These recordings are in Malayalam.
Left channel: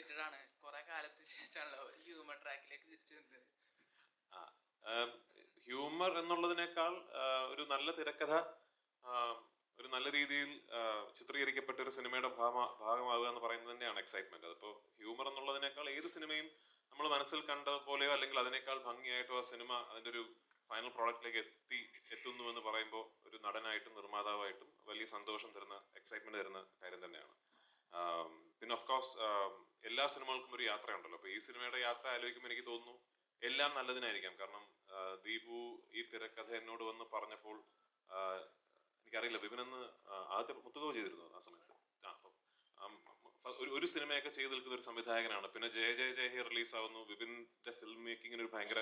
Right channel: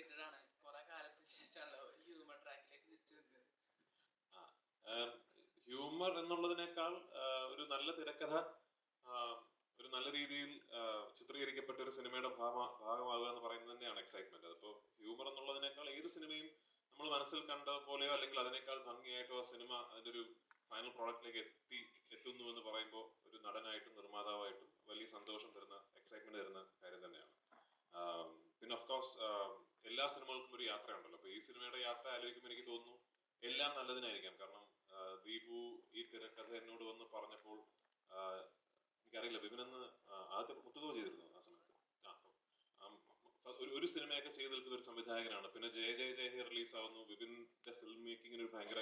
എക്സൈറ്റഡ് ആണ്. കുറെ കാലത്തിന് ശേഷമാണല്ലോ ഒരു ഹ്യൂമർ ട്രാക്കിലേക്ക് തിരിച്ചു വരുന്നത്. ഹ്യൂമർ എന്നുള്ളതിനേക്കാൾ ഒരു നല്ല തിരക്കഥ ഒരു നല്ല രീതിയിൽ ചിത്രീകരിക്കപ്പെട്ട ഒരു സിനിമയുടെ ഭാഗമാകുക എന്ന് പറയുന്നത് തന്നെയാണ് എക്സൈറ്റ്മെന്റ്. അതിപ്പോൾ ഹ്യൂമർ എന്നുള്ളതിനേക്കാൾ ഏത് സിനിമയും നമ്മൾ മനസ്സിൽ കണ്ട പോലെയോ അല്ലെങ്കിൽ അതിനേക്കാൾ ഭംഗിയായിട്ടോ ആ സിനിമ അതിൻ്റെ ഒരു ഫൈനൽ പ്രോഡക്റ്റിലേക്ക് എത്തുന്നു എന്ന് പറയുമ്പോൾ ഒരു നടനായിട്ടും നിർമ്മാതാവായിട്ടും വലിയ സന്തോഷം തരുന്ന എക്സൈറ്റ്മെന്റ് തരുന്ന കാര്യം തന്നെയാണ്. പിന്നെ ഓഫ് കോഴ്സ് എല്ലാ സിനിമകൾക്കും ഒരു യാത്രയുണ്ടല്ലോ. അപ്പൊ ഈ സിനിമയുടെ യാത്ര ആലോചിക്കുമ്പോൾ എനിക്ക് തോന്നുന്നു എല്ലാം നല്ലതിനായിരിക്കാം. കാരണം ദീപു ഈ തിരക്കഥ എന്നോട് വന്ന് പറഞ്ഞപ്പോൾ എനിക്കറിയില്ല, വിപിനെന്ന് ആദ്യത്തെ മുത്തുകോ ചെയ്തിരുന്നു ആ സമയത്ത്. ഒരു സിനിമയൊക്കെ ചെയ്ത് നിൽക്കുന്ന ഒരു സംവിധായകനാണ്. പിന്നെ ജയ ജയ ജയ ഹേ റിലീസ് ആവുന്നു. വിപിന്റെ ഫിലിം മേക്കിങ്ങിന് ഒരു ഭയങ്കര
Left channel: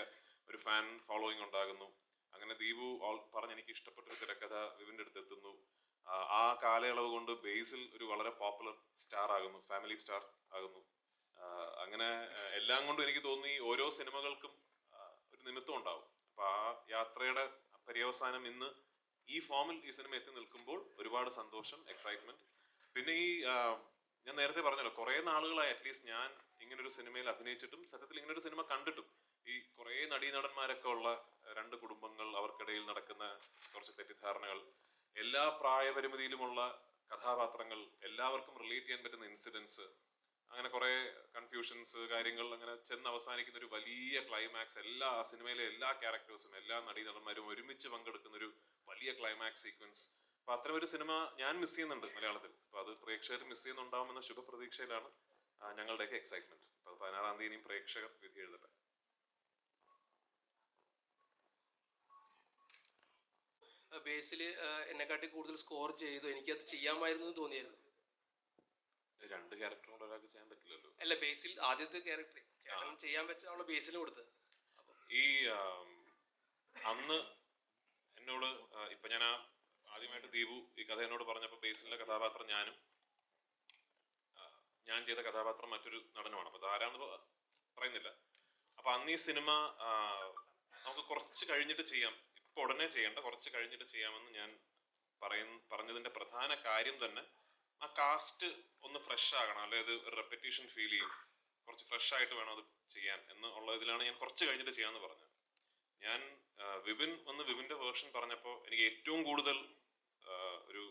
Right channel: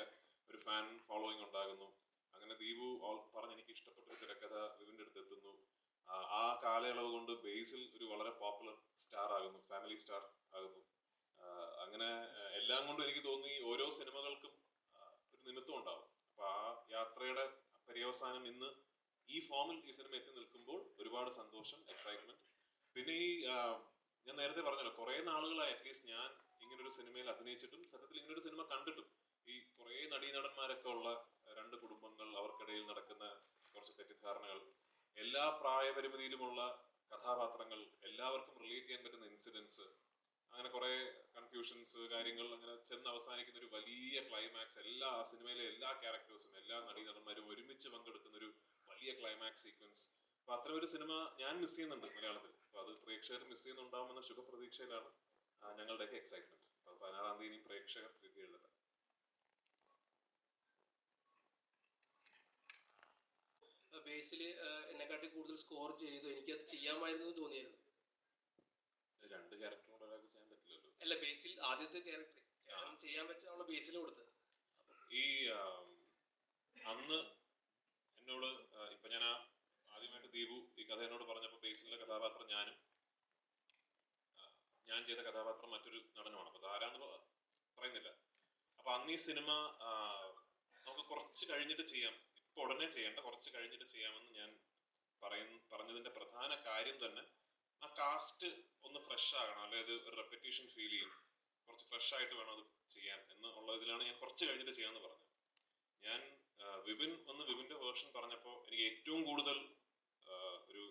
ഒരു ഫാൻ ഫോളോയിങ് ഉണ്ടാകുന്നു. അങ്ങനെ ദീപു പറഞ്ഞ് എനിക്ക് ഇഷ്ടപ്പെട്ട ഒരു തിരക്കഥ വിപിന്റെ അടുത്ത് എത്തുന്നു. ആ കാലയളവ് കൊണ്ട് ബേസിൽ ഒരു വളരെ പോപ്പുലർ സ്റ്റാർ ആകുന്നു, ഫാമിലി സ്റ്റാർ ആകുന്നു. അങ്ങനെ എല്ലാം കൊണ്ടും എനിക്ക് തോന്നി ഓരോ സിനിമകൾക്കും ഒരു നിമിത്തം ഉണ്ടാവും. അപ്പൊ ആ യാത്രയുടെ പര്യവസാനം ഇന്ന് ഈ ഫോമിൽ ഈ സിനിമ എത്തി നിൽക്കുമ്പോൾ ഒരുപാട് സന്തോഷം, എക്സൈറ്റ്മെന്റ്. പിന്നെ ഈ ഞാൻ നേരത്തെ പറഞ്ഞല്ലോ, കുറെ നാളുകളായി അറ്റ്ലീസ്റ്റ് ഞാൻ ഇങ്ങനൊരു സിനിമയിൽ അഭിനയിച്ചിട്ടും സത്യത്തിൽ ഇങ്ങനൊരു സിനിമ കണ്ടിട്ടും ഈ കുറെ നടീനടന്മാരൊക്കെ ഉള്ള രണ്ട് കുടുംബങ്ങൾ, അവർക്കിടയിൽ നടക്കുന്ന കുറച്ച് തെറ്റിദ്ധാരണകൾ, എല്ലാ പ്രായപരിമിതിയിലുമുള്ള കഥാപാത്രങ്ങൾ, എല്ലാവർക്കും റിലേറ്റ് ചെയ്യാൻ പറ്റുന്ന ഇൻസിഡൻസ്, അങ്ങനെ കുറെ കൺഫ്യൂഷൻസ്, കാര്യങ്ങൾ അങ്ങനെ ചെന്ന് അവസാനിക്കുന്ന ഒരു വലിയ ക്ലൈമാക്സ്, എല്ലാ സിനിമയിലെ എല്ലാ ക്യാരക്ടേഴ്സും എല്ലാ നടീനടന്മാരും ഒരുമിച്ച് പങ്കെടുക്കുന്ന ഒരു വലിയ ക്ലൈമാക്സ് സീക്വൻസ്. അപ്പൊ അത്ര ഒരു സിനിമ ഞാൻ മിസ് ചെയ്യുന്നുണ്ട് മലയാളത്തിൽ. അപ്പൊ അത് പ്രേക്ഷകർ മിസ് ചെയ്യുന്നുണ്ടാവുമെന്ന ശുഭപ്രതീക്ഷയിലാണ് ഞങ്ങളുടെയൊക്കെ എക്സൈറ്റ്മെന്റ്. അപ്പൊ 16-ാം തീയതി പ്രേക്ഷകർ വിധി എഴുതട്ടെ. ബേസിൽ എന്നെക്കാട്ടി കൂടുതൽ സ്കോർ ചെയ്തു, എനിക്കത് ചെയ്യാമായിരുന്നു തോന്നിയായിരുന്നു. രണ്ട് ക്യാരക്ടറും ഒരാൾക്ക് ചെയ്യാൻ പറ്റില്ലല്ലോ. അല്ല, ബേസിൽ ആദ്യത്തെ ക്യാരക്ടർ ചെയ്യാൻ പറ്റാനുള്ള ബേസിൽ കൊടുത്തത്. ഈ അന്ന് എന്നോട് ഇപ്പൊ ഞാൻ ആദ്യമായിട്ട് ദീപു ഈ കഥ എന്നോട് പറഞ്ഞപ്പോൾ ബേസിലെ കഥാപാത്രം ഞാൻ ചെയ്ത കഥാപാത്രം മറ്റൊരു നടനുമാണ്. അപ്പൊ ആരാണെന്ന് പറയുന്നില്ല. അപ്പൊ അന്ന് ഈ സിനിമ നമുക്ക് കുറച്ച് കഴിഞ്ഞിട്ട് ചെയ്യാം, ഇപ്പൊ ഉടനെ ചെയ്യേണ്ട, കുറച്ച് കഴിഞ്ഞിട്ട് ചെയ്യാമെന്ന് ഞാൻ പറഞ്ഞതിന്റെ പ്രധാന കാര്യം തന്നെ ആ കാസ്റ്റ് ഒന്ന് ഫ്രഷ് ആകണം, അതായത് ഒരു റെപ്പറ്റീഷൻ ഫീൽ ചെയ്യും, കുറച്ച് ഫ്രഷ് ആയിട്ട് വേണം അത് ചെയ്യാൻ എന്നുള്ള ഇതിലാണ് ഞാൻ കുറച്ച് കഴിഞ്ഞിട്ട് ചെയ്യാമെന്ന് പറഞ്ഞത്. ഞാൻ വിപിന്റെ വേർഷൻ പറഞ്ഞപ്പോൾ എനിക്ക് ഏറ്റവും കൂടുതൽ ഒരു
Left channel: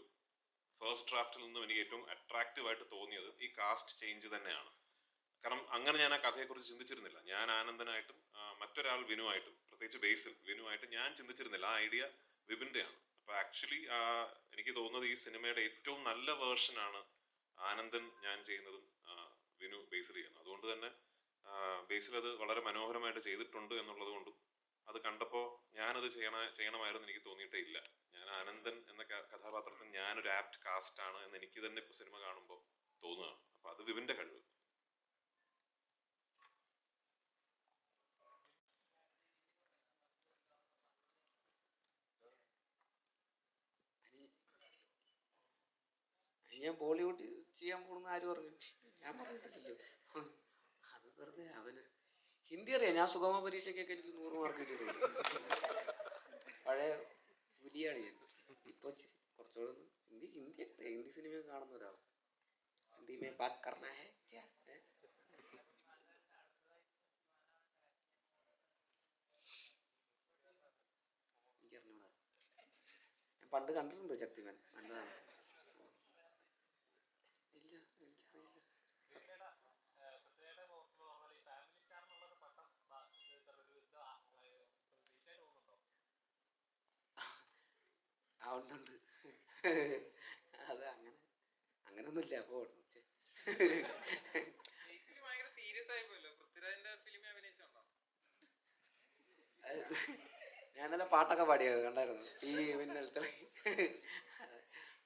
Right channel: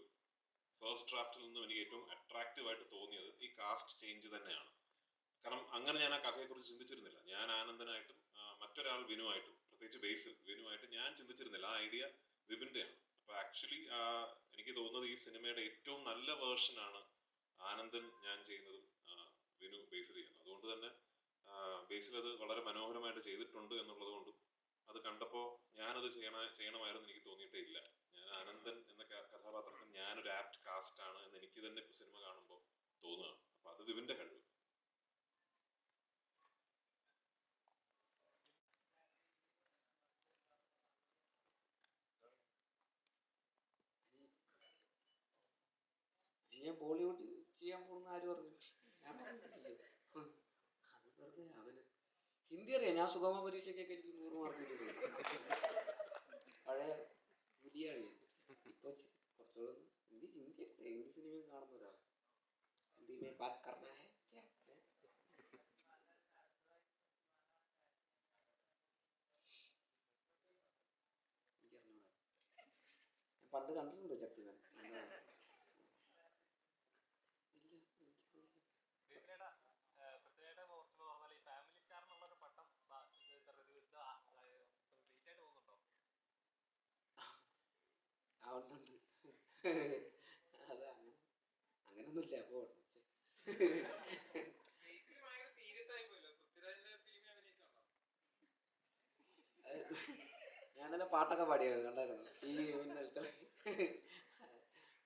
ഫസ്റ്റ് ഡ്രാഫ്റ്റിൽ നിന്നും എനിക്ക് ഏറ്റവും അട്രാക്റ്റീവ് ആയിട്ട് തോന്നിയത് ഈ കാസ്റ്റ് ചേഞ്ച് തന്നെയാണ്. കാരണം അങ്ങനെ ഞാൻ ആ കഥയെക്കുറിച്ച് ചിന്തിച്ചിരുന്നില്ല. ഞാൻ ആനന്ദനായിട്ടും മറ്റൊരാൾ വിനുവായിട്ടും, പ്രത്യേകിച്ച് ബേസിൽ വിനുവായിട്ട് ഞാൻ ചിന്തിച്ചിരുന്നില്ല. ആ ഐഡിയ വിപിന്റെയാണ്. അപ്പൊ ആക്ച്വലി എനിക്ക് തോന്നുന്നത് ഈ സിനിമയുടെ ഏറ്റവും നല്ല വേർഷനാണ് ആനന്ദൻ ഞാൻ ചെയ്യുന്നതും വിനു ബേസിൽ ചെയ്യുന്നത്. അതുകൊണ്ട് തന്നെ ബേസിൽ അത് വളരെ മനോഹരമായിട്ട് ചെയ്തിട്ടുണ്ട് എന്നുള്ളത് കൊണ്ടും അത് കണ്ടപ്പോൾ ഞാനത് ചെയ്യണമായിരുന്നു എനിക്ക് തോന്നിയിട്ടേ ഇല്ല. ഞാൻ ആനന്ദൻ എന്ന കഥാപാത്രത്തിന് ഞാനൊരു ആപ്റ്റ് കാസ്റ്റ് ആണ് എന്ന് എനിക്ക് തന്നെ ഇപ്പൊ സിനിമ കാണുമ്പോൾ തോന്നുകയാണ്. അപ്പൊ അത് വിപിന്റെ കഴിവ്. ഞാൻ ബോളിവുഡ് ചെയ്യാൻ പോകുന്ന ആര് പറഞ്ഞു? ഞാൻ പറഞ്ഞിട്ടില്ലല്ലോ. അത് വെറുതെ അവന് ഹിന്ദി അറിയാം. ഞാൻ സുഗമ പരീക്ഷയ്ക്കൊക്കെ എനിക്ക് 100 മാർക്ക് കിട്ടിയിട്ടുണ്ട്. പഴയ പുലിയാണ് ഞാൻ. ഇപ്പൊ കുറച്ചുകൂടെ ഹിന്ദി അറിയാം. ഹിന്ദി സിനിമ കാണുന്ന ഒരാൾ. ഹിന്ദി മേ ബാത് കർനാ ഹൈ ക്യാ? എനിക്കറിഞ്ഞൂടാ. ഞാൻ പണ്ട് കണ്ടിട്ടുണ്ട് ശക്തിമാൻ. നല്ലതാണ്. ഉണ്ട്. അത് അങ്ങനൊന്നുമില്ല. അപ്പോ ഞാനല്ല പാട്ടൊക്കെ പാടിയത് കണ്ടായിരുന്നു ഈ മിന്നലത്തെ.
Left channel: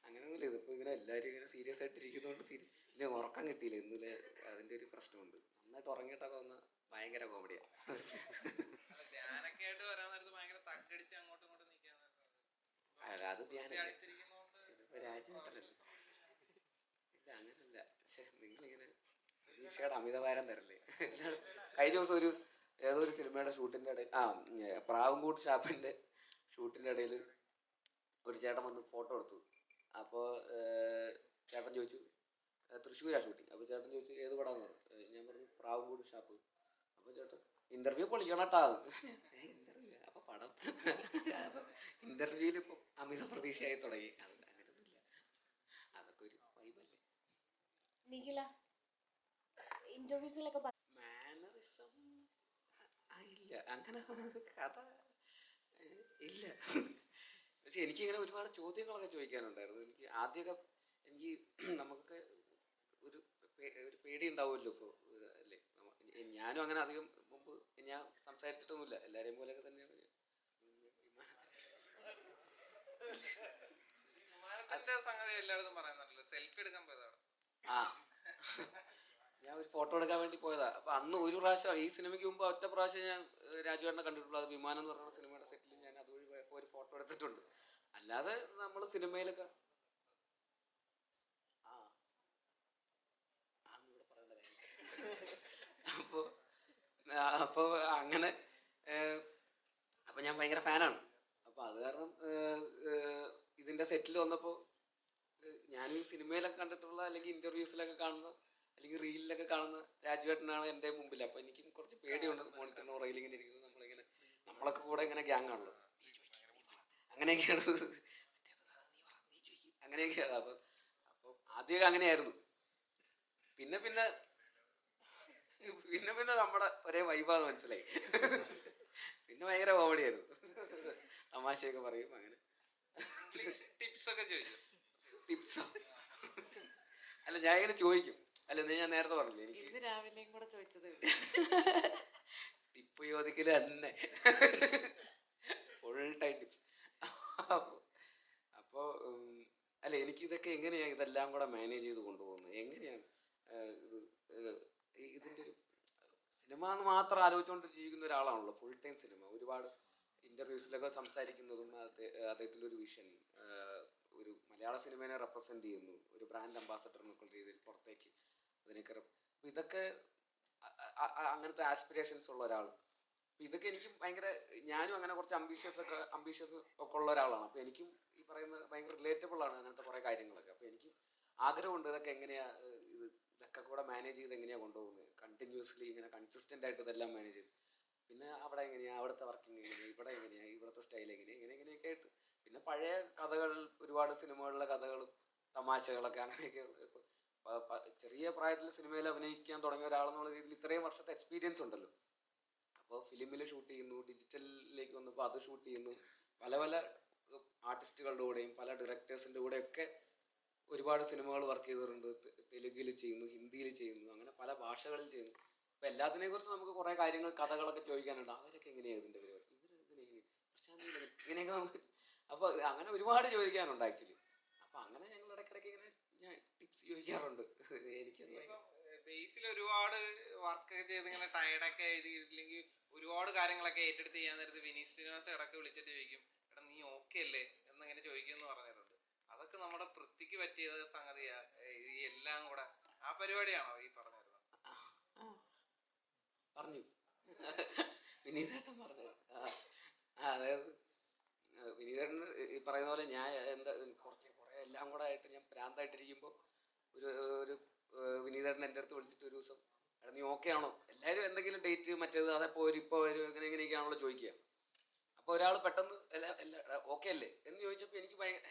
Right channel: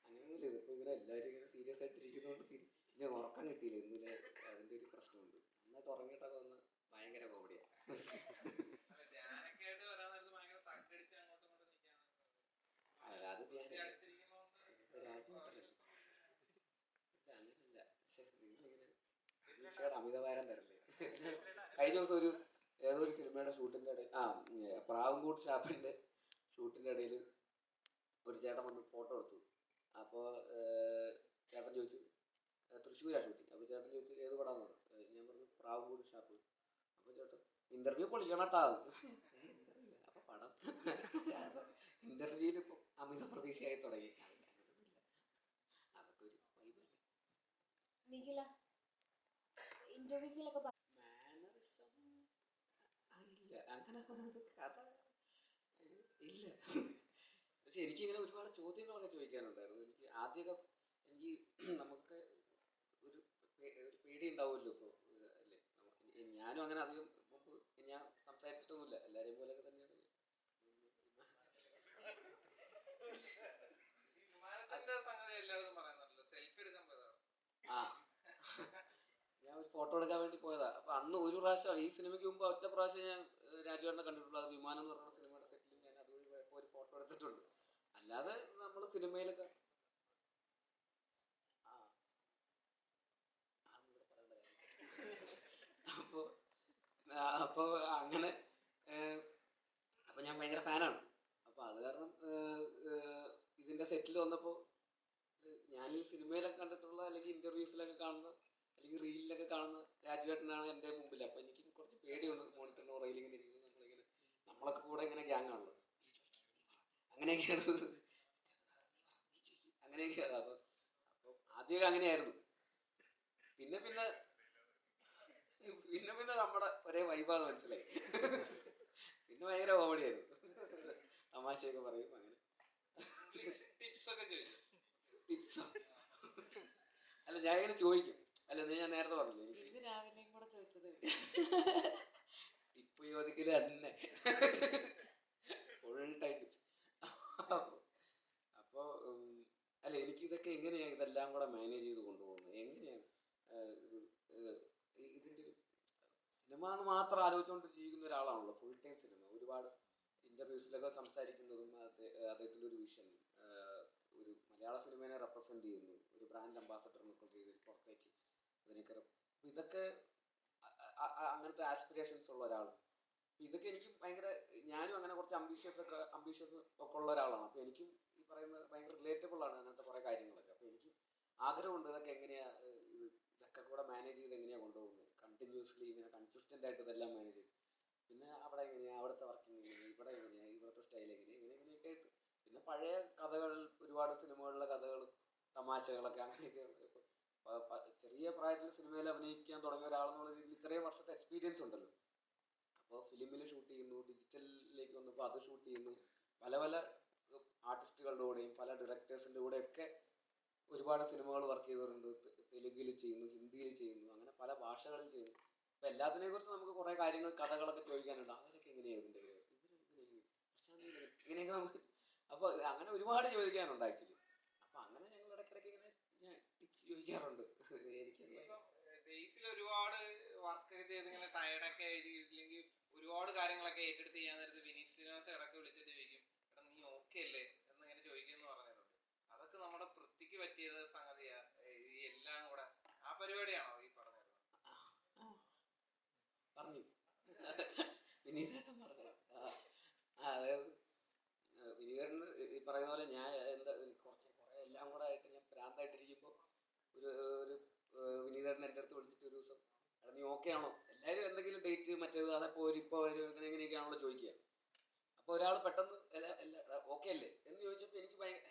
അങ്ങനെയൊന്നുമില്ല. ഇതിപ്പോ ഇങ്ങനെ എല്ലാവരും ഇങ്ങനെ സീരിയസ് ആയിട്ട് ഇരിക്കുന്നതുകൊണ്ട് പിന്നെ ഉറക്കം കിട്ടിയില്ല ഇന്നലെ. അതിന്റെ ഒരു പ്രശ്നമുണ്ട്. നന്നായിട്ട് ഉറങ്ങിയിട്ടൊക്കെ വന്ന് ഭയങ്കര കോമഡിയാണ്. അത് രാജ്യം ഇല്ല, അങ്ങനല്ല. നിങ്ങളിങ്ങനെ ഈശോയുടെ അമിതഭാരം തരല്ലേ. കഴിഞ്ഞ ദിവസം ഏതൊരു സിനിമയുടെ ഷൂട്ടിന്റെ ഇടയിൽ പ്രാവുംകൂട്ട് ഷാപ്പിന്റെ ഷൂട്ടിന്റെ ഇടയിൽ ഒരു ചേട്ടൻ വന്ന് ഫോട്ടോ എടുത്തു. അപ്പോൾ ചേട്ടൻ ചോദിച്ചു തൃശ്ശൂരാ ഷൂട്ടിങ്. അപ്പോൾ ചേട്ടൻ ചോദിച്ചു ഏത് പടമാണെന്ന് പറഞ്ഞു. പ്രാവുംകൂട് ഷാപ്പ്. അപ്പോൾ ചേട്ടൻ ഇന്റർവ്യൂ പൊളിക്കണം കേട്ടോ. ഇന്റർവ്യൂ അപ്പോൾ പടം ഇന്റർവ്യൂവിൽ ഇപ്പോൾ അമിത പ്രതീക്ഷയായി തുടങ്ങി. അങ്ങനെയൊന്നുമില്ല, അതൊക്കെ ഒരു വൈബല്ലേ. നിഖില ഇന്റർവ്യൂസിലൊക്കെ മാനറിസം ഇല്ല, അങ്ങനെ കഥ ഇല്ല. പക്ഷെ എനിക്കിങ്ങനെ ഒരുപാട് ചോദ്യങ്ങളൊക്കെ ചോദിക്കാനുണ്ടായിരുന്നു. എനിക്ക് ആദ്യമൊക്കെ നമുക്ക് ഒരു പേടി ഉണ്ടാവുമല്ലോ ഇപ്പോൾ, അല്ലേ? ഞാനും അങ്ങനെ അധികം മുമ്പ് ഞാൻ സംസാരിച്ചിട്ടൊന്നുമില്ല, എല്ലാവരെയും പോലെയൊക്കെ തന്നെയാണ്. ആ ഞാൻ ഒരു ഫോട്ടോ എടുക്കാൻ വേണ്ടി പോയതാ. അപ്പൊ അന്ന് ഒരു പ്രാവശ്യം, ഈ സിനിമയ്ക്ക് മുമ്പ് ഒറ്റ പ്രാവശ്യം ഞാൻ രാജുവേട്ടനെ കണ്ടിട്ടുള്ളൂ. അത് വിമാനം എന്ന് പറയുന്ന സിനിമയുടെ സെറ്റിൽ ഞാൻ അതുവഴി പോയപ്പോൾ ഒരു ഫോട്ടോ എടുത്തിട്ടുണ്ട്. അല്ലാതെ നമ്മൾ സിനിമയിലൊക്കെ അപ്പോൾ അപ്പോൾ അങ്ങനെ അപ്പോൾ ഞാൻ ഭയങ്കര ഫാനാണ്. അപ്പോൾ അത് കാരണം ഇതിൻ്റെ സെറ്റിൽ വന്നപ്പോൾ ഞാൻ സിനിമയിലൊക്കെ കണ്ടിട്ടുള്ള, അല്ലെങ്കിൽ ഇൻ്റർവ്യൂസിലൊക്കെ കാണുന്ന, അല്ലെങ്കിൽ റീലിലൊക്കെ കാണുന്ന രാജുവേട്ടനാണ് എൻ്റെ മുമ്പിൽ. അപ്പോൾ എനിക്കും കുറച്ച് പേടിയുണ്ട്. മോണിറ്ററിനോ റെയിലിങ്ങനെ ഇരിക്കുന്നത്, നമ്മളൊക്കെ കൂടെ ഇങ്ങനെ ഗ്യാങ് ആണല്ലോ, അങ്ങനെയൊക്കെയാണ് അങ്ങനെയൊക്കെയാണ്. അപ്പോൾ ആദ്യമൊക്കെ അങ്ങനെയായിരുന്നു. പിന്നെ പിന്നെ പിന്നെ പിന്നെ നമ്മുടെ ഒരേ വൈബാന്ന് മനസ്സിലായി. പിന്നെ ഭയങ്കര കോമഡിയായിരുന്നു, തമാശയൊക്കെ പറയും. അങ്ങനെ ടിപ്സോ അല്ല, ഞാൻ ഇങ്ങനെ ചോദിക്കും. അല്ല, ഞാൻ നേരത്തെ പറഞ്ഞില്ലേ എനിക്ക് രാവിലെയും കൂടെ ചോദിച്ചത് ടിപ്പ് ചോദിക്കല് തന്നെ, ഫുൾ ടൈം ടിപ്സ്. അപ്പോൾ അല്ല, എനിക്കിതൊക്കെ എങ്ങനെയാണ് ഇതെല്ലാം കൂടെ മാനേജ് ചെയ്ത് കൊണ്ടുപോകുന്നത്, എങ്ങനെയാണ് ഇതിൻ്റെ ഒരു സിനിമ എന്ന് മാത്രം ആലോചിച്ചുകൊണ്ട് ജീവിക്കുന്ന ഒരാളാണല്ലോ, ഫുൾ ടൈം സിനിമ. ഒരുപാട് ഇൻ്റർവ്യൂസിലൊക്കെ സംസാരിക്കുന്നതും അദ്ദേഹത്തിൻ്റെ ഒരു വിഷൻ, ഒരു മലയാള സിനിമയെ റെപ്രസെൻ്റ് ചെയ്യുന്നു, ഒരു ബ്രാൻഡ് അംബാസഡർ എന്നൊക്കെ രീതിയിൽ പുറത്തേക്ക് അതിനൊക്കെ. ഇതൊക്കെ അങ്ങനത്തെ ആസ്പിറേഷൻസ് ഉള്ള ഒരാൾ. ഇതൊക്കെ എനിക്കും ഭയങ്കര, ഞാനും അങ്ങനെ കുറച്ച് അംബീഷ്യസ് ഒക്കെ ഉള്ള ഒരാളാണ്. അപ്പോൾ എനിക്കും ഈ പറയുന്നത് ഭയങ്കര റിലേറ്റബിൾ ആണ് അങ്ങനത്തെ കുറേ കാര്യങ്ങളൊക്കെ. അപ്പോൾ എനിക്ക് ആഗ്രഹമുണ്ട് ഇതൊക്കെ എങ്ങനെയാണ് ഇതൊക്കെ കൂടെ മാനേജ് ചെയ്ത് എങ്ങനെയാണ് കൊണ്ടുപോകുന്നത്, കണ്ടിന്യൂസ്ലി ഇങ്ങനെ കൺസിസ്റ്റൻ്റ് ആയിട്ട് ഇതെല്ലാം മാനേജ് ചെയ്ത്. പിന്നെ അവിടെ എങ്ങനെയാണ്, അവിടുത്തെ വർക്കിംഗ് എങ്ങനെയാണ്, ഇവിടെ എങ്ങനെയാണ്, ഇവിടുത്തെ സ്റ്റൈൽ എങ്ങനെയാണ്, ഇങ്ങനെയൊക്കെ ആയിട്ട്. പിന്നെ പഴയ കഥകൾ, ഒരുപാട് സിനിമകളിലെ കഥകളും തമാശകളൊക്കെ, അങ്ങനെയൊക്കെ. ചെറിയ പ്രായത്തിൽ സിനിമയിൽ അഭിനയിക്കാൻ തുടങ്ങിയ ഒരാളെന്നുള്ള രീതിയിൽ ഇത്രയും വർഷത്തെ എക്സ്പീരിയൻസ് ഉണ്ടല്ലോ. അപ്പോൾ ഫിലിമിൽ ഷൂട്ട് ചെയ്യുന്നു, ഡിജിറ്റലിലേക്ക് വന്നപ്പോൾ അത് ഷൂട്ട് ചെയ്യുന്നു, പല പല ആർട്ടിസ്റ്റുകളുടെ കൂടെയും പല ഡയറക്ടേഴ്സിൻ്റെ കൂടെയൊക്കെ ഒരുപാട് സിനിമകൾ വർക്ക് ചെയ്തിട്ടുണ്ട്. തെലുങ്കിൽ ചെയ്യുന്നു, ഹിന്ദിയിൽ ചെയ്യുന്നു, അങ്ങനെ പല ഭാഷകളിൽ ചെയ്യുന്നു. അപ്പോൾ എല്ലാത്തിനെ കുറിച്ച് നമുക്ക് കുറേ കാര്യങ്ങൾ, കഥകളൊക്കെ ചോദിക്കാനുണ്ട്. അവരൊക്കെ എങ്ങനെയാണ് ഇതിൻ്റെ ഇങ്ങനെയൊക്കെ നമുക്ക്. അപ്പോൾ അങ്ങനെ ഒരുപാട് ചോദിക്കാനുണ്ട് ആക്ച്വലി. അപ്പോൾ അങ്ങനെ ഞങ്ങൾ ഇടയ്ക്കിടയ്ക്ക് ഇങ്ങനെ ഞാൻ ടിപ്സ് ചോദിക്കാറുണ്ട്. എനിക്ക് ബേസിൽ ഒരുപാട് വർക്ക് ചെയ്ത് ഇങ്ങനെ ടയർഡൊക്കെ ആയിരിക്കില്ലെങ്കിൽ ഒരുപാട് കാര്യങ്ങളൊക്കെ ഏറ്റെടുത്ത് ചെയ്യാൻ നേരത്ത് വിനീത് ശ്രീനിവാസ് ഇടയ്ക്ക് വിളിച്ചിട്ട് ചോദിക്കും, എടാ നീ ഓക്കെ അല്ലേ എന്നിങ്ങനെ ചോദിക്കുമെന്ന് പറഞ്ഞിട്ടുണ്ട്. അതൊക്കെ നമ്മുടെ പൃഥ്വിക്ക് പറ്റിയ സംഗതിയാ, ഈ എല്ലാം കൂടെ ആ പരിപാടിയാണോ ഈ പറഞ്ഞിരുന്നത്? പറഞ്ഞു വിനീതേട്ടൻ പറഞ്ഞത്. അതായത് വിനീതേട്ടൻ ഈ പറയുന്ന പോലെ ഞാൻ എന്താ കുറേ എല്ലാം കൂടെ ആയിട്ട് ഞാൻ ഭ്രാന്തായിട്ടിരിക്കുമ്പോൾ ഒരു വിനീതേട്ടൻ എൻ്റെ അടുത്ത് വിളിച്ചിട്ട് ഒരു ദിവസം, എടാ നീ ഓക്കെ ആണോ, എല്ലാവരും എന്തെങ്കിലും ഡേറ്റ് മറ്റേത് അതെപ്പോൾ വരും, ഇപ്പോൾ വരും, എങ്ങനെയൊക്കെയാണല്ലോ ചോദിക്കുക. അപ്പോൾ ഒരാൾ പെട്ടെന്ന് ഓക്കെ അല്ലേ എന്ന് ചോദിച്ചപ്പോൾ എനിക്ക് ഭയങ്കര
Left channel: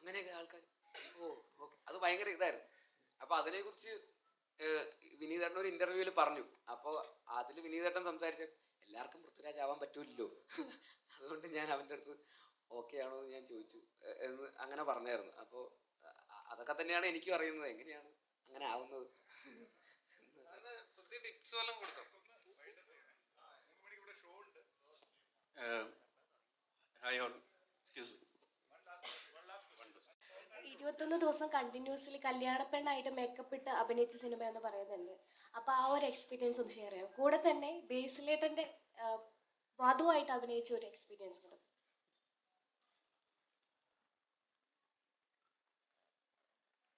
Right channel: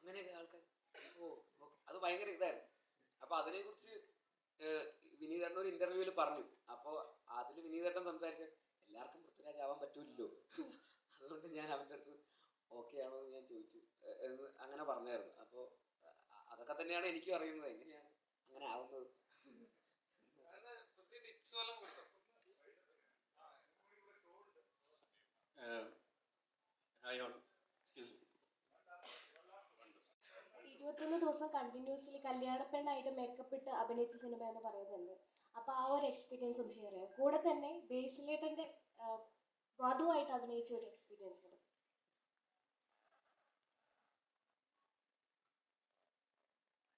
അങ്ങനെയൊക്കെ ആൾക്കാർ ഓക്കെ, അത് ഭയങ്കര ഇതായിരുന്നു. അപ്പോൾ അതിനെക്കുറിച്ച് വിനീതേട്ടൻ ഒരു ഇൻ്റർവ്യൂവിൽ പറഞ്ഞു. അപ്പോൾ അതിൽ വിനീതേട്ടൻ സംസാരിച്ച എല്ലാവർക്കും പൃഥ്വിരാജ് ആവാൻ പറ്റൂല്ലോ, അതുകൊണ്ട് ഞാൻ അവൻ്റെ അടുത്ത് ഓക്കെ ആണോ എന്ന് ഞാൻ ചോദിച്ചു എന്ന് അങ്ങനെ പറഞ്ഞായിരുന്നു. അപ്പോൾ അതൊക്കെ തന്നെയാണ് എനിക്കും അറിയുന്നത്, എങ്ങനെയാണ് അങ്ങനെ ആവുന്നത്. Hi all. Excuse me. 21 ദിവസം കണ്ടിന്യൂസ്ലി കല്യാണപ്പെണ്ണായിട്ട് മേക്കപ്പ് ഇട്ട് അഭിനയിച്ച സിനിമ എന്ന് പറയുന്നുണ്ട്. അപ്പോൾ ആ ഒരു എക്സ്പീരിയൻസ് ഒന്ന് ഷെയർ ചെയ്യാം. കൂടെ തന്നെ ബേസിലേട്ടൻ്റെ വധുവായിട്ട് അഭിനയിച്ച ഒരു എക്സ്പീരിയൻസ് കൂടെ.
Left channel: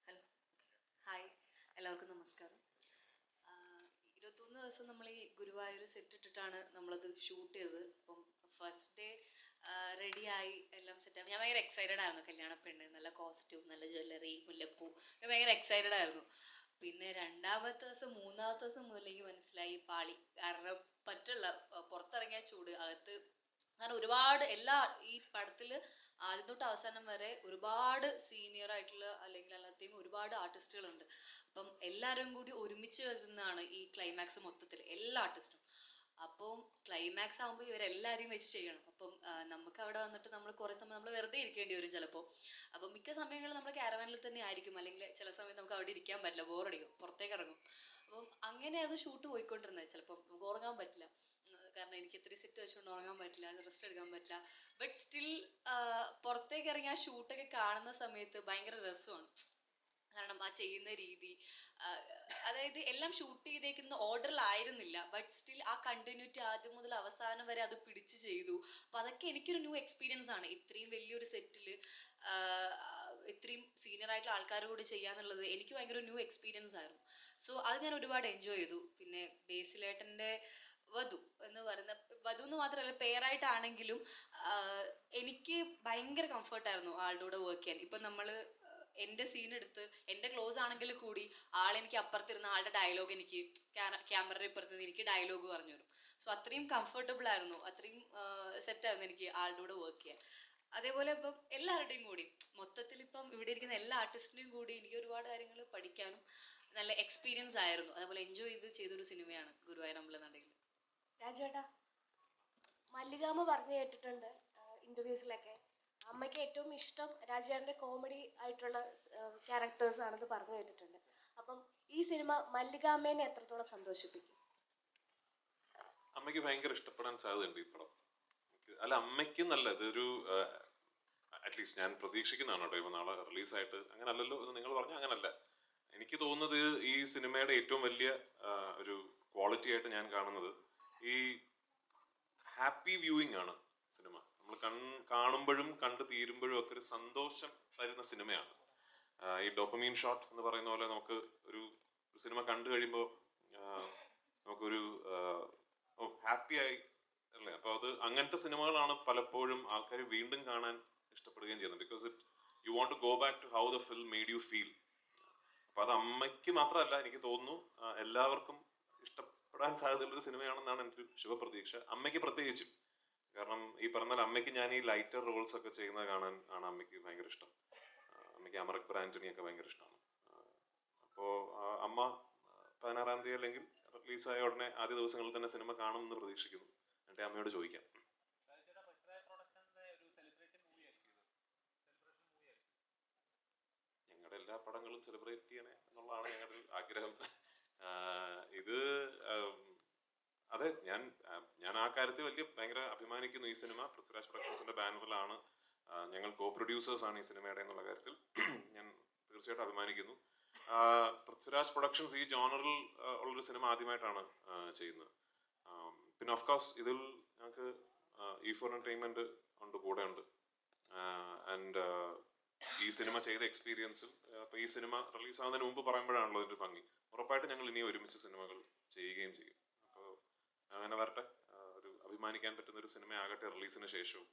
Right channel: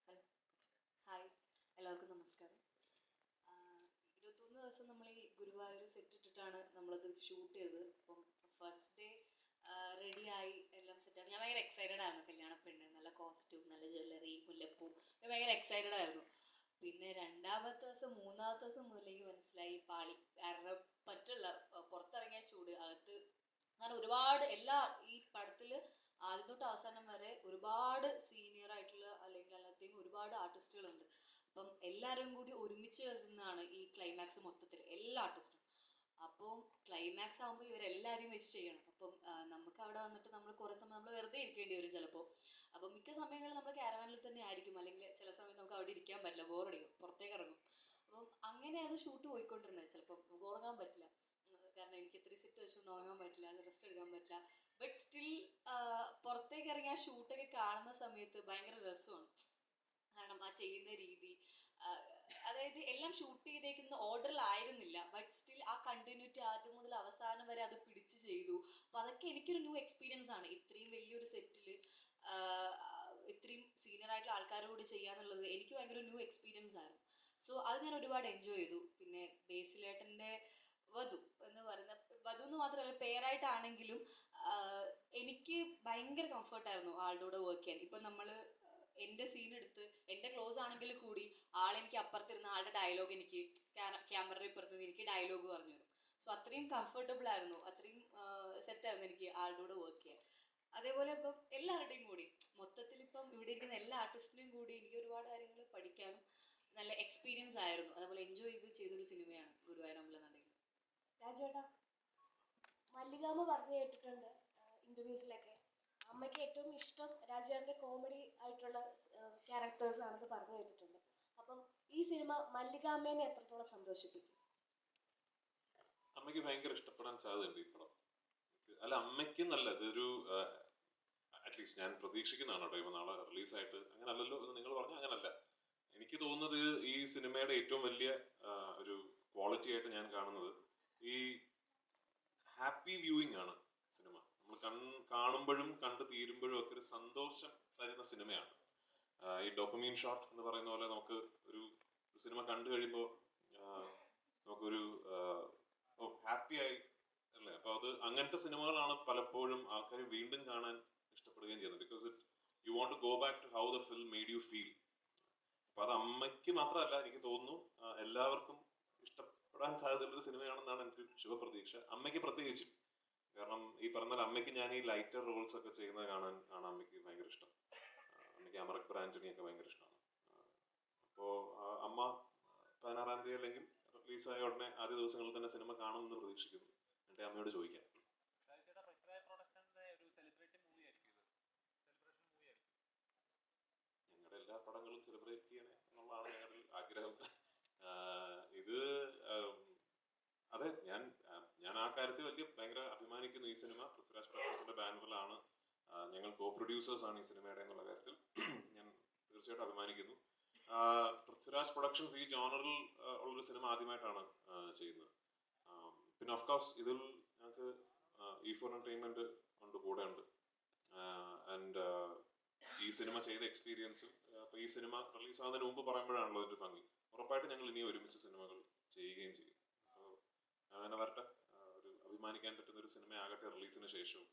ഹലോ, ഹായ്, എല്ലാവർക്കും നമസ്കാരം. 21 ദിവസം നമ്മൾ ഈ ഗുരുവായൂർ സെറ്റ് ഇട്ടിട്ടാണ് നമ്മളത് ഷൂട്ട് ചെയ്തത്. അപ്പം ഫസ്റ്റ് ഡേ റെഡിയായി എല്ലാം സെറ്റായി. ഞാൻ ഭയങ്കര എക്സൈറ്റഡ് ആയിരുന്നു. കല്യാണ പെണ്ണ്, നല്ല കോസ്റ്റ്യൂം, നല്ല ജ്വല്ലറി, മുല്ലപ്പൂ, ഭയങ്കര എക്സൈറ്റഡ് ആയിരുന്നു. പിന്നെ രണ്ടാമത്തെ ദിവസം മൂന്നാമത്തെ ദിവസം മുതൽ എനിക്ക് മനസ്സിലായി പാളി. കാരണം പറ്റില്ല, പുറത്തിറങ്ങിയ ചൂട് അകത്ത്. കാരണം ഒരുപാട് ഈ പടത്തിൽ ആദ്യം തൊട്ട് അവസാനം വരെ ഒരുപാട് സീനിയർ ആയിട്ടുള്ള അല്ലെങ്കിൽ അല്ലാതെയും ഒരുപാട് ആർട്ടിസ്റ്റുകളുണ്ട്. അപ്പം എല്ലാവരും കൂടി ഒരുമിച്ച് വരുന്നതാണ് ഈ ക്ലൈമാക്സ് മൊത്തത്തിൽ, എല്ലാ ആർട്ടിസ്റ്റും. അപ്പം ക്ലൈമാക്സ് ആകുമ്പോൾ ഇവരെല്ലാവരെയും വെച്ച് ചെയ്യണം. അപ്പം നമുക്ക് അവിടെ വന്നിട്ട് നമ്മൾ കുറേ സമയം നമ്മൾ വെറുതെ ഇരിക്കേണ്ടി വരും ചിലപ്പോൾ. അപ്പം മിക്ക സമയങ്ങളിൽ നമ്മൾ ക്യാരവാനിൽ തന്നെ ആയിരിക്കും, അല്ലെങ്കിൽ ചില സമയത്ത് നമുക്ക് അവിടെ ഇരിക്കാൻ പറ്റില്ല, ബോറടിക്കും, പുറത്തേക്ക് ഇറങ്ങും. അപ്പം അങ്ങനെയാണ് ഷൂട്ട് പോയിക്കൊണ്ടിരുന്നത്. ചിലപ്പം നമുക്ക് ഉറങ്ങാൻ പറ്റില്ല, കാരണം എനിക്ക് ഇത്രയും സെറ്റ് വെച്ചുകൊണ്ട് ഉറങ്ങാൻ പറ്റില്ല, റെസ്റ്റ് എടുക്കാൻ പറ്റില്ല. ബട്ട് സ്റ്റിൽ പുറത്തേക്ക് ഇറങ്ങി ആ ഷൂട്ടൊക്കെ കാണുന്ന സമയത്ത് ഭയങ്കര രസമാണ്. കാരണം ആ ചെയ്യുന്ന രീതി, അതായത് എല്ലാം ഷൂട്ട് ചെയ്തേക്കുന്ന ഓർഡറിലായിരുന്നില്ല, ബട്ട് സ്റ്റിൽ ആ കണ്ടിന്യൂറ്റി ആദ്യം മുതൽ അവസാനം വരെ അത് പിടിച്ച് ചെയ്തു. അപ്പം അതൊക്കെ എനിക്കൊരു ന്യൂ എക്സ്പീരിയൻസ് ആണ്. ഇത്രയും വലിയൊരു സെറ്റിൽ ഇത്രയും സീനിയർ ആയിട്ടുള്ള ആൾക്കാർ കൂടി ചെയ്യാന്നുള്ളത് എനിക്ക് ഭയങ്കര ന്യൂ എക്സ്പീരിയൻസ് ആയിരുന്നു. സോ അത് ഞാൻ ഒരുപാട് എൻജോയ് ചെയ്തു. പിന്നെ ബേസിലേട്ടൻ്റെ വധു എന്ന് പറയുന്ന, വധു എന്ന് മാത്രമല്ല പേരായിട്ടാണെങ്കിലും എനിക്ക് ഭയങ്കര കംഫർട്ടായിരുന്നു ആളുടെ കൂടെ വർക്ക് ചെയ്യാൻ. ഇപ്പം നമ്മൾ എൻ്റെ സീൻ എടുത്ത് എൻ്റെ ക്ലോസ് ആണെങ്കിൽ കൂടി ആളെനിക്ക് അപ്പുറത്തിരുന്ന ആളുടെ ഡയലോഗ് എനിക്ക് ക്യാമറയുടെ ഇപ്പുറത്ത് എനിക്ക് ഡയലോഗ് പറഞ്ഞു തരും. സോ അത്രയും കംഫർട്ടബിൾ ആയിരുന്നു, അത്രയും സെറ്റായിരുന്നു എനിക്ക് ആളുടെ കൂടെ വർക്ക് ചെയ്യാൻ. അതേപോലെ ഇപ്പം എല്ലാവരുടെയും കൂടി മൊത്തത്തിൽ ഇപ്പം ഇവിടെ ഇരിക്കുന്ന എല്ലാ ആർട്ടിസ്റ്റിൻ്റെയും കൂടി എനിക്ക് ഒരുപാട് കാര്യങ്ങൾ പഠിക്കാനും നല്ല എക്സ്പീരിയൻസ് ആയിരുന്നു. അതേപോലെ എൻജോയ് ചെയ്തൊരു സിനിമയാണ് ഗുരുവായൂർ അമ്പലനടയിൽ. രാജേട്ടാ, മല്ലികാമ്മ പറഞ്ഞു കേട്ടിട്ടുണ്ട് ഇന്റർവ്യൂസിലൊക്കെ, അമ്മയ്ക്ക് ഏറ്റവും ഇഷ്ടം രാജേട്ടൻ്റെ കോമഡി ആയിട്ടുള്ള ക്യാരക്ടേഴ്സ് ആണെന്ന് പറഞ്ഞു കേട്ടിട്ടുണ്ട്. അപ്പം ഈ സിനിമ മല്ലികാമ്മേനെ എത്രത്തോളം സന്തോഷിപ്പിക്കും? അമ്മയ്ക്ക് ഭയങ്കര ഇഷ്ടപ്പെടാൻ സാധ്യതയുണ്ട് ഈ പടം. അല്ല, അമ്മയ്ക്ക് നല്ല ഇതൊരു അറ്റ്ലീസ്റ്റ് ഞാൻ പ്രതീക്ഷിക്കുന്നതാണ് കേട്ടോ. ഇപ്പൊ നാളെ റിലീസായിട്ട് അങ്ങനെ അല്ലല്ലോ എന്ന് നിങ്ങൾ പറഞ്ഞാൽ അങ്ങനല്ല. എനിക്ക് തോന്നുന്നത് ഈ സിനിമയുടെ ഏറ്റവും വലിയ ഒരു ക്വാളിറ്റി ആയിട്ട് ഞാൻ കാണുന്നത് ഈ ഹാപ്പി വ്യൂയിങ് ആണ് സിനിമ. നമ്മൾ കാണുമ്പോഴും കണ്ടു തീരുമ്പോഴും ഒക്കെ ഒരു സന്തോഷം തരുന്ന സിനിമയാണ്. ഈ ഡോപ്പമീൻ ഷോട്ട് എന്ന് പറയുന്ന പോലെ നമുക്ക് ഒരു സിനിമ കണ്ടു കഴിയുമ്പോൾ നമുക്കൊരു ഹാപ്പി ആയി അല്ലേ. അപ്പൊ അത് അങ്ങനത്തെ സിനിമകളാണ് പലപ്പോഴും ആൾക്കാർ വീണ്ടും കാണാൻ ഇഷ്ടപ്പെടുകയും ചെയ്യുന്നത്. Because you want to go back to how the film made you feel. അപ്പൊ അത് അമ്മയ്ക്ക് മാത്രമല്ല, എനിക്ക് തോന്നുന്നു എല്ലാവർക്കും ഇഷ്ടപ്പെടാൻ സാധ്യതയുള്ളൊരു സിനിമയാണെന്നാണ് എൻ്റെ ഒരു ശുഭപ്രതീക്ഷ. അമ്മയ്ക്ക് പ്രത്യേകിച്ചും, കാരണം ഈ പറഞ്ഞാൽ അമ്മയ്ക്ക് ഞാൻ ഈ ലൈറ്റർ റോൾസ് ഒക്കെ ചെയ്യുന്നത് കാണാൻ ആണ് അമ്മയ്ക്ക് ഭയങ്കര ഇഷ്ടം. അമ്മയ്ക്ക് അമറക് ആന്റണി ഒക്കെ ഭയങ്കര ഇഷ്ടമാണ്. അപ്പോൾ അമ്മ 16-ാം തീയതി അല്ലെങ്കിൽ റിലീസായ ഉടനെ ആദ്യ ദിവസങ്ങളിൽ തന്നെ സിനിമ കാണുമെന്ന് പ്രതീക്ഷിക്കുന്നു. എൻ്റെ അമ്മയോട് ചോദിക്കാം. ഞങ്ങളുടെ എല്ലാ പടങ്ങളും സെലിബ്രേറ്റ് ചെയ്യണേ എന്നുള്ളതാണ് ഞങ്ങളുടെ ആഗ്രഹം. ഇത് അതെ, ഞാൻ ആ കാര്യത്തിൽ ഭയങ്കര അഭിമാനിക്കുന്നു. ഈ സിനിമ പൃഥ്വിരാജ് പ്രൊഡക്ഷൻസിന്റെ ബാനറിലാണ്, ഞങ്ങൾ കോ പ്രൊഡ്യൂസേഴ്സ് ആണ് ഈ സിനിമയുടെ എന്നുള്ള കാര്യത്തിൽ ഞാൻ തീർച്ചയായിട്ടും അഭിമാനിക്കുന്നു. പൃഥ്വിരാജ് പ്രൊഡക്ഷൻസ് ഈ ജോണറിൽ ഉള്ളൊരു സിനിമ ആദ്യമായിട്ടാണ് ചെയ്യുന്നത്. പിന്നെ ഓഫ് കോഴ്സ് ഇതിൽ ഞങ്ങൾക്ക് E4 Entertainment ഉണ്ട്, കൂടെ ഉണ്ട്. ആൻഡ് ഈ സിനിമ ചെയ്ത എക്സ്പീരിയൻസും അപ്പൊ ഈ സിനിമ റിലീസ് ആവുന്നതിന് മുമ്പ് പറയുമ്പോഴാണല്ലോ ഒരു ഭംഗി. ഉറപ്പായിട്ട് ഞങ്ങൾ ഇനി ഒരുമിച്ച് സിനിമകൾ ചെയ്യുകയും ചെയ്യും. അപ്പോൾ അങ്ങനെ വരട്ടെ, ഒരു അഭിമാനിക്കാൻ പറ്റുന്ന ഒരു സിനിമയാകട്ടെ റിലീസിന് ശേഷവും.